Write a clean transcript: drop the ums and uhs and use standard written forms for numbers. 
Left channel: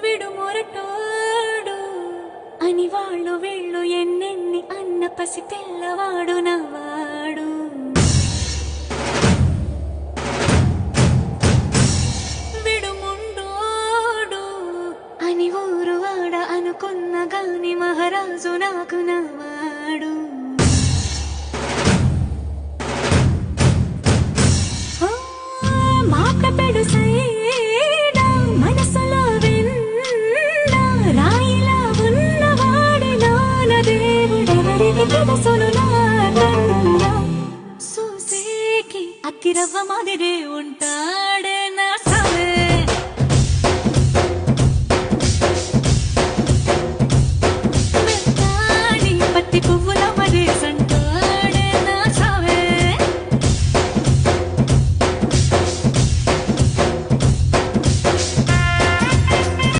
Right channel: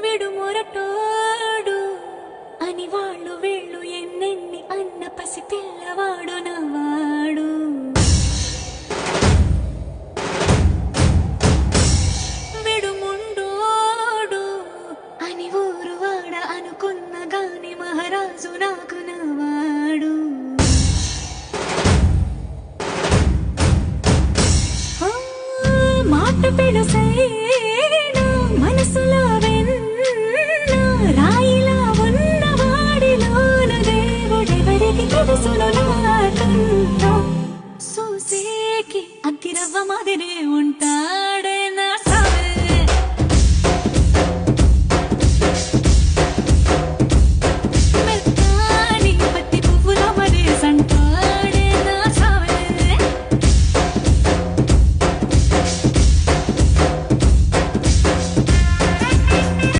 విడుమొరటోడు అని వాళ్ళు వీళ్ళు ఎన్నెన్ని అన్న పసి పిల్లవాడు నవ్వాడు. విడుముండోడు అని ఊరు వాడ అనుకున్న గాని మహారాజు నాకు నవ్వాడు. మాట పెడుసైనా మనసులో వెన్న రాయిలా ఉన్నవాడిలోన దేవుడెవరికి తెలుసును నాకన్నా. సూసేకి అగ్గిరవ్వ మాదిరే